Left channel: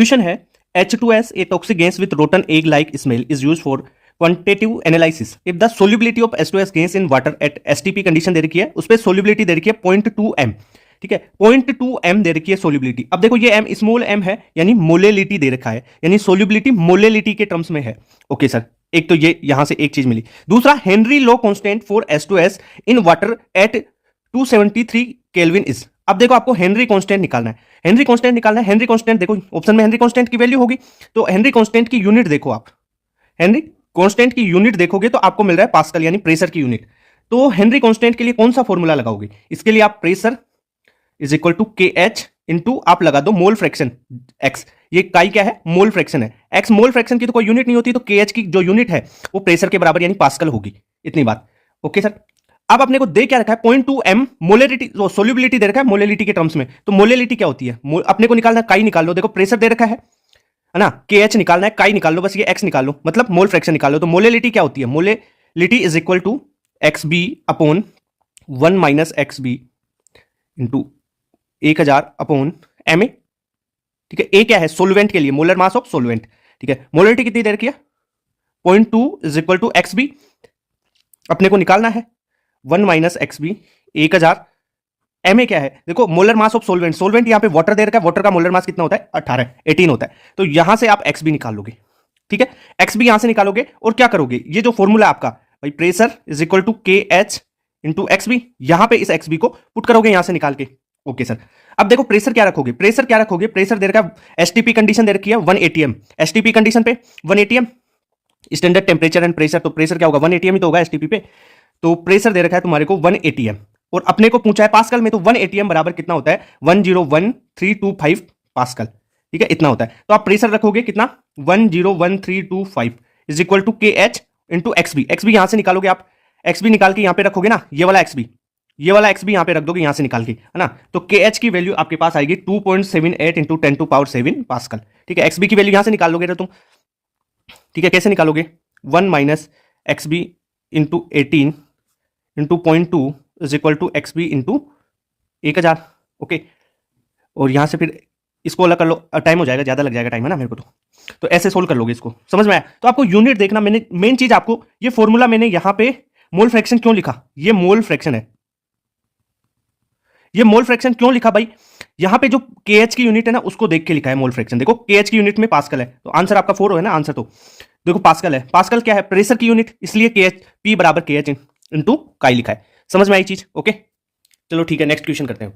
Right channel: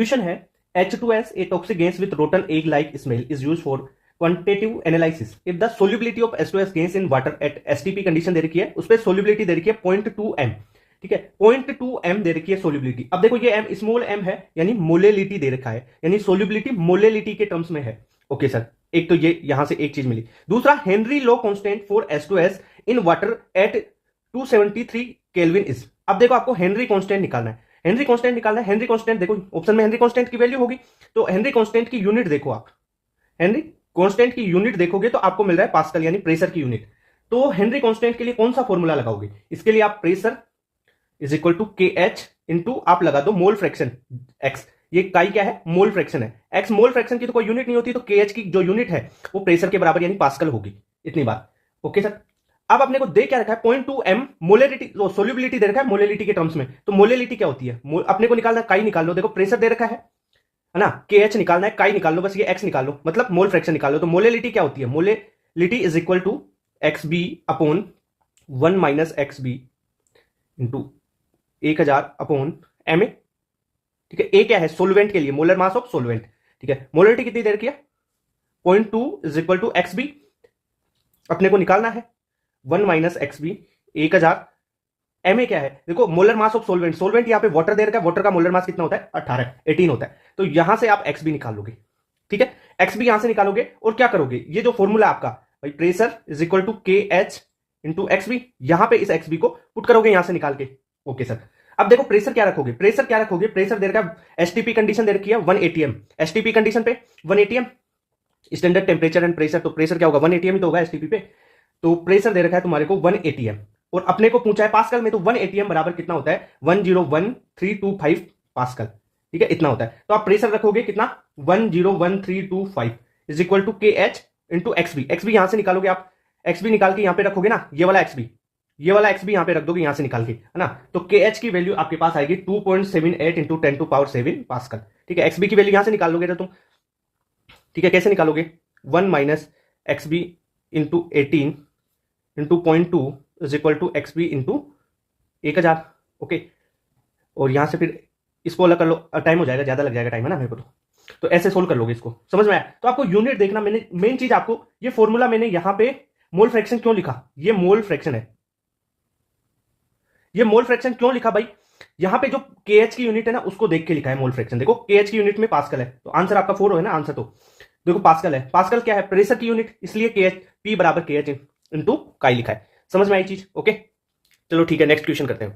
Question है H2S a toxic gas with rotten egg like smell is used for quantitative analysis if the solubility of H2S gas in water at STP condition दे रखी है, उस पर solubility दे रखी है 0.2 m। ठीक है, 0.2 m दे रखी है सोल्यूबिलिटी। अब देखो ये m स्मॉल m है, यानी मोलेलिटी दे रखा है, यानी सोल्यूबिलिटी मोलेलिटी के टर्म्स में है। ओके सर, एक तो ये यहां से एक चीज मिली। दूसरा, Henry law constant for H2S in water at 273 kelvin is. अब देखो आपको हेनरी कांस्टेंट निकालना है, हेनरी कांस्टेंट निकालना है। हेनरी कांस्टेंट देखो ऑप्शन में हेनरी कांस्टेंट की वैल्यू होगी, तो हेनरी कांस्टेंट की यूनिट देखो आप, हेनरी कांस्टेंट की यूनिट देखोगे तो आपको मिल रहा है पास्कल, यानी प्रेशर की यूनिट। तो हेनरी कांस्टेंट के लिए कौन सा फॉर्मूला लगाओगे? इसके लिए आप pressure is equal to K H into आप लगा दो मोल फ्रैक्शन एक्स। ये काई क्या है? मोल फ्रैक्शन है। एक्स मोल फ्रैक्शन की तो कोई यूनिट नहीं होती, तो के एच की जो यूनिट है वो प्रेशर के बराबर यानी पास्कल होगी। इतनी बात। ओके सर, अब अपने को दे क्या रखा है? 0.2 m मोलेलिटी, सोल्यूबिलिटी दे रखा है मोलेलिटी के टर्म्स में। तो मोलेलिटी क्या होती है? अपने को निकालना है, काई निकाल लो। देखो प्रेशर दे रखा है ना, के एच निकालना है, काई निकाल लो, बस ये एक्स निकाल लो, मतलब मोल फ्रैक्शन निकाल लो। तो मोलेलिटी क्या होती है? Molality is equal to X B upon 1 minus X B into 1000 upon M A. ठीक है, ए क्या है? सोलवेंट के लिए, मोलर मास ऑफ सोलवेंट। ठीक है, मोलेलिटी कितनी दे रखी है? 0.2 is equal to X B, अपने को निकालना है 1 minus X B 1000। M A क्या है? देखो molar mass of solvent, solvent यहां पे वाटर दे रखा है, वाटर का मोलर मास कितना होता है? 18 होता है। तो यहां से आप एक्स बी निकालोगे। ठीक है, एक्स बी यहां से निकालोगे और क्या करोगे? ये जो फॉर्मूला आपका भाई pressure is equal to K H into X B, यहां पे इस एक्स बी को पुट करोगे यहां से निकाल के। ओके सर, अब देखो प्रेशर क्या रखोगे? प्रेशर क्या रखोगे? प्रेशर दे रखा है, एसटीपी कंडीशन दे रखी है 1 atm। एसटीपी कंडीशन पे 1 atm standard temperature and pressure, तो प्रेशर क्या होगा? 1 atm ही तो होगा एसटीपी पे। तो प्रेशर दे रखा है तुम्हारे को 1 atm, और अपने को पूछा है पास्कल में, तो 1 atm बराबर कितना होता है? 101325 पास्कल। ठीक है, इतना होता है। तो आप प्रेशर रखोगे कितना? 101325 is equal to K H into X B. X B यहां से निकालोगे आप, एक्स बी निकाल के यहां पे रखोगे ना, ये वाला एक्स बी, ये वाला एक्स बी यहां पे रख दोगे यहां से निकाल के, है ना। तो के एच की वैल्यू आपके पास आएगी 2.78 इंटू 10⁻7 पास्कल। ठीक है, एक्स बी की वैल्यू यहां से निकाल लोगे तुम। ठीक है, कैसे निकालोगे? 1 minus X B into 18 into 0.2 is equal to X B into 1000। Okay, और यहां से फिर इसको अलग कर लो, टाइम हो जाएगा, ज्यादा लग जाएगा टाइम, है ना मेरे को। तो ऐसे सोल्व कर लोगे इसको, समझ में आया? तो आपको यूनिट देखना, मैंने मेन चीज आपको ये फॉर्मूला मैंने यहां पे मोल फ्रैक्शन क्यों लिखा? ये मोल फ्रैक्शन है। ये मोल फ्रैक्शन क्यों लिखा भाई? यहां पे जो केएच की यूनिट है ना, उसको देख के लिखा है मोल फ्रैक्शन। देखो केएच की यूनिट में पास्कल है, तो आंसर आपका 4 है ना आंसर। तो देखो पास्कल है, पास्कल क्या है? प्रेशर की यूनिट, इसलिए केएच पी बराबर केएच इंटू काई लिखा है। समझ में आई चीज? ओके, चलो ठीक है, नेक्स्ट क्वेश्चन करते हैं।